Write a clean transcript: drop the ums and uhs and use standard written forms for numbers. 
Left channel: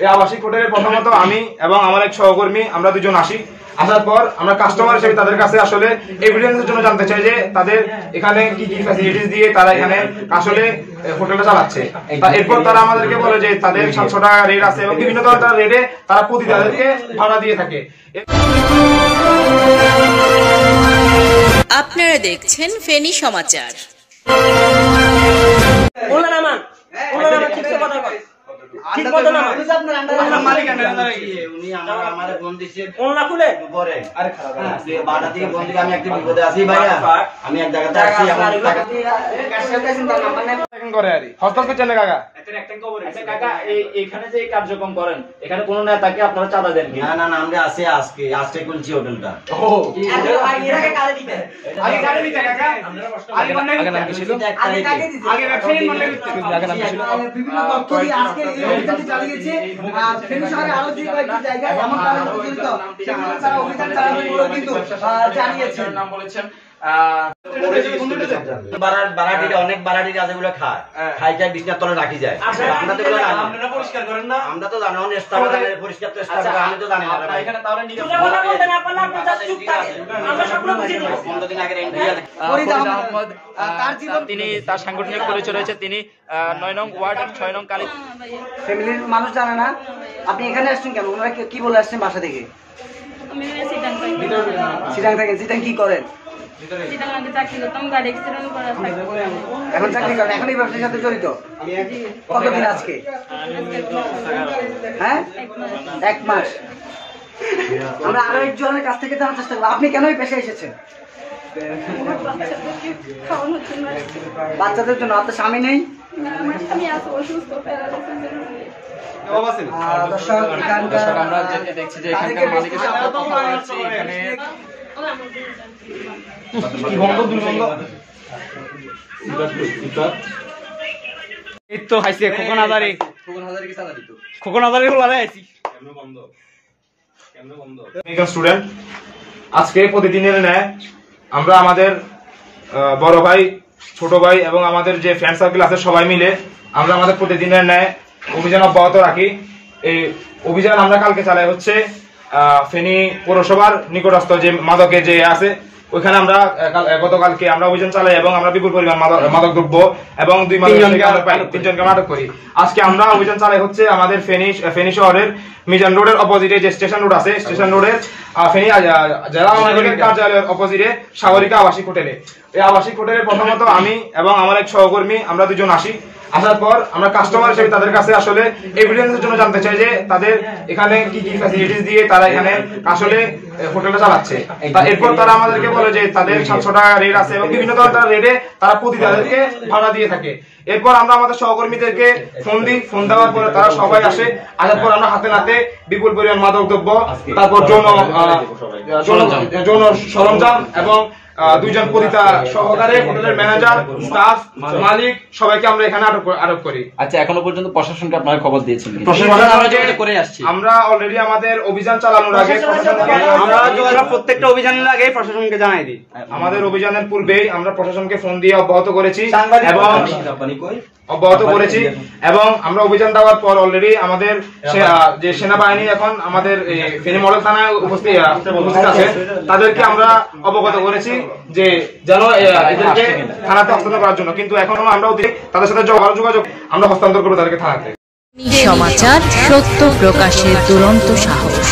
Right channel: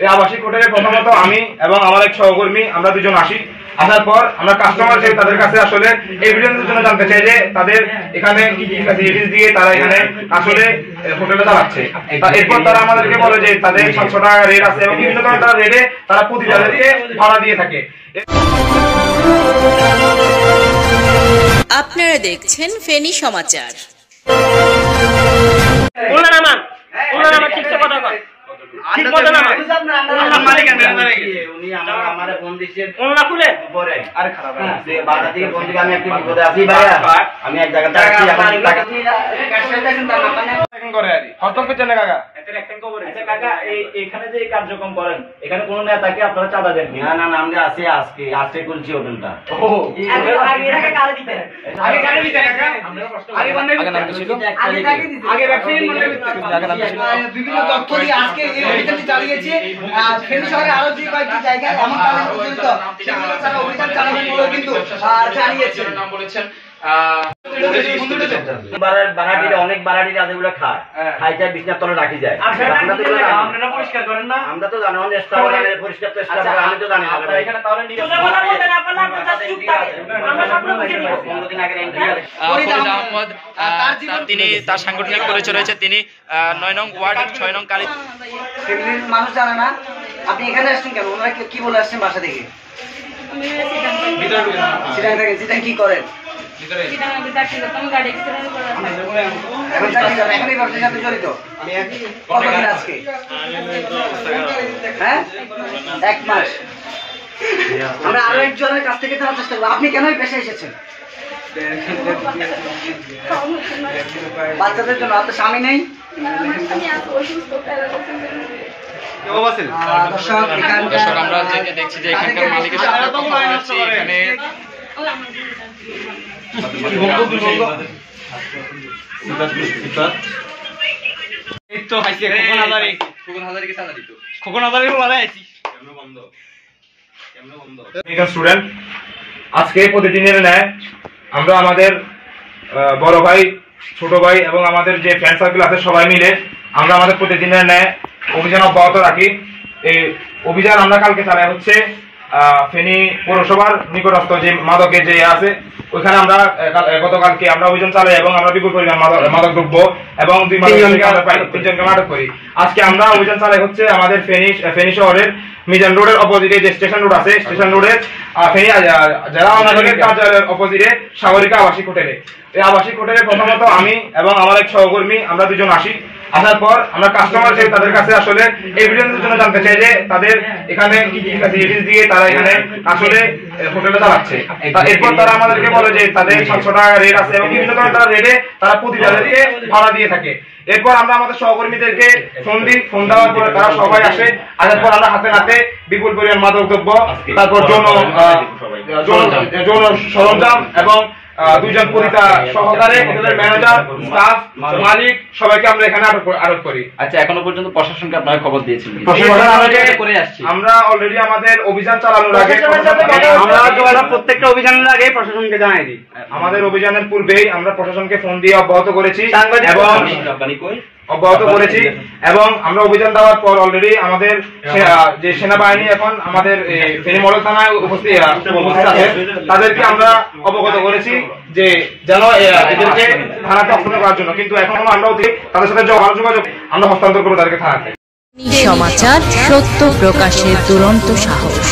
এই আবাসিক হোটেলে প্রথমত আমি এবং আমার এক সহকর্মী আমরা দুজন আসি। আসার পর আমরা কাস্টমার হিসেবে তাদের কাছে আসলে এভিডেন্সের জন্য জানতে চাই যে তাদের এখানে কি কি ফ্যাসিলিটিস দিয়ে তারা এখানে আসলে হোটেলটা চালাচ্ছে। এরপর তারা আমাদেরকে বলে যে তাদের 700 টাকা রেট আছে এবং বিভিন্ন ধরনের তারা রেটে তারা প্রতি তাদেরকে ভাড়া দিয়ে থাকে। আপনারা দেখছেন ফেনী সমাচার। এখানে যে কার্যক্রম করেন এখানে কোন নেতাকে আপনারা চাঁদা দেন? না না না, আমরা আছি আজকে খুলছি হোটেলটা। বিভিন্ন তথ্য দিয়ে আজকে এই অভিযানটি চালিয়েছে। ফেনী শহরে আরো যে কয়েকটি জায়গায় এমন কাজে প্রচলিত সেগুলো তারা অভিযান চালাবেন বলেও কিন্তু জানিয়েছেন। নাম বলেছেন অনেক বাড়াটিরা আছে, এগুলো খাই বিছনার তলে রাখি যায়। আমরা তো জানি পরিষ্কার তো আমি তো জানি তিনি তার সাংগঠনিক পরিচয় রয়েছে। তিনি 9 নং ওয়ার্ড 6 নং কালী ফ্যামিলির মানুষ জানে না আপনি এখানে আসছেন কেন? ওনারা কি বলে আসছেন বাসা থেকে? সিটাং থেকে। সিটাং কি করেন? এখন এই ব্যবসার সাথে জড়িত কতদিন আজকে? হ্যাঁ, 1 মাস। আমরা আরো একজনের কাছ থেকে জানার চেষ্টা করবো আপনি কেন এই পেশায় এসেছেন? বাচ্চাদের জন্য। আপনার স্বামী নেই? দর্শক আমরা দেখছি যে এখানকার মালিকের সাথে কথা বলছি। এখানে স্টুডেন্ট আজকে প্রতিদিনের ন্যায় আমরা আমাদের বড় ভাই, ছোট ভাই এবং আমাদের যে ফ্রেন্ড সার্কেল আছে সবাই মিলে আমরা আমাদের প্রতিদিনের ন্যায় অভিযান অব্যাহত রাখি। এই অভিযান আমরা কালকে চালাই হচ্ছে ফেনী পৌরসভার নিকটস্থ যে মাদকের যে আছে ওইখানে আমরা গতকালকে আমরা অভিযান চালাই এবং আমরা বিপুল পরিমাণ মাদক দ্রব্য এবং 2 3জনকে আটক করি। আজকে আমরা অভিযান চালাই হচ্ছে আমাদের ফেনী শহরের মিজান রোডের অপোজিটে যে স্টেশন রোড আছে, স্টেশন রোডের ফেনী জেলা নাগরিক কার্যালয়ের অপোজিটে সাগরিকা আবাসিক হোটেলে। এই আবাসিক হোটেলে প্রথমত আমি এবং আমার এক সহকর্মী আমরা দুজন আসি। আসার পর আমরা কাস্টমার হিসেবে তাদের কাছে আসলে এভিডেন্সের জন্য জানতে চাই যে তাদের এখানে কি কি ফ্যাসিলিটিস দিয়ে তারা এখানে আসলে হোটেলটা চালাচ্ছে। এরপর তারা আমাদেরকে বলে যে তাদের 700 টাকা রেট আছে এবং বিভিন্ন ধরনের তারা রেটে তারা প্রতি তাদেরকে ভাড়া দিয়ে থাকে। এরপর আমরা আমাদের সহকর্মীদেরকে ফোন দিই। ফোন দেওয়ার পরে তারা সবাই আসে। আসার পর আমরা হাতে হাতে বিপুল পরিমাণ মাদক দ্রব্য, তারপর যৌন সরঞ্জাম এবং 2 জন পরিতা সহকারে হোটেলের ম্যানেজার, স্টাফ, মালিক সবাইকে আমরা এখানে আটক করি। আচ্ছা, এখনো পর্যন্ত প্রশাসনকে আপনারা খবর দিয়েছেন? আমরা অলরেডি আমাদের অভিযান চালানোর আগে আমরা প্রত্যেকটা অভিযানের আগে প্রশাসনকে জানাই দিই। আমাদের অভিযানের পূর্বেই আমরা প্রশাসনকে ফোন দিয়ে অব্যাহত করেছি এবং আমরা অভিযান দেওয়ার পর অলরেডি আমাদের যে সেনাবাহিনী এখন আমাদের ফেনী মডেল থানায় উপস্থিত আছে তাদেরকে আমরা অবগত করেছি যে যেন এদেরকে থানাতে হস্তান্তর করার জন্য। কিন্তু এখনো আমরা তাদের সাথে যোগাযোগ আমরা হস্তান্তর করবো তাদেরকে থানাতে। সমাচার, সত্য প্রকাশের দুরন্ত সাহস।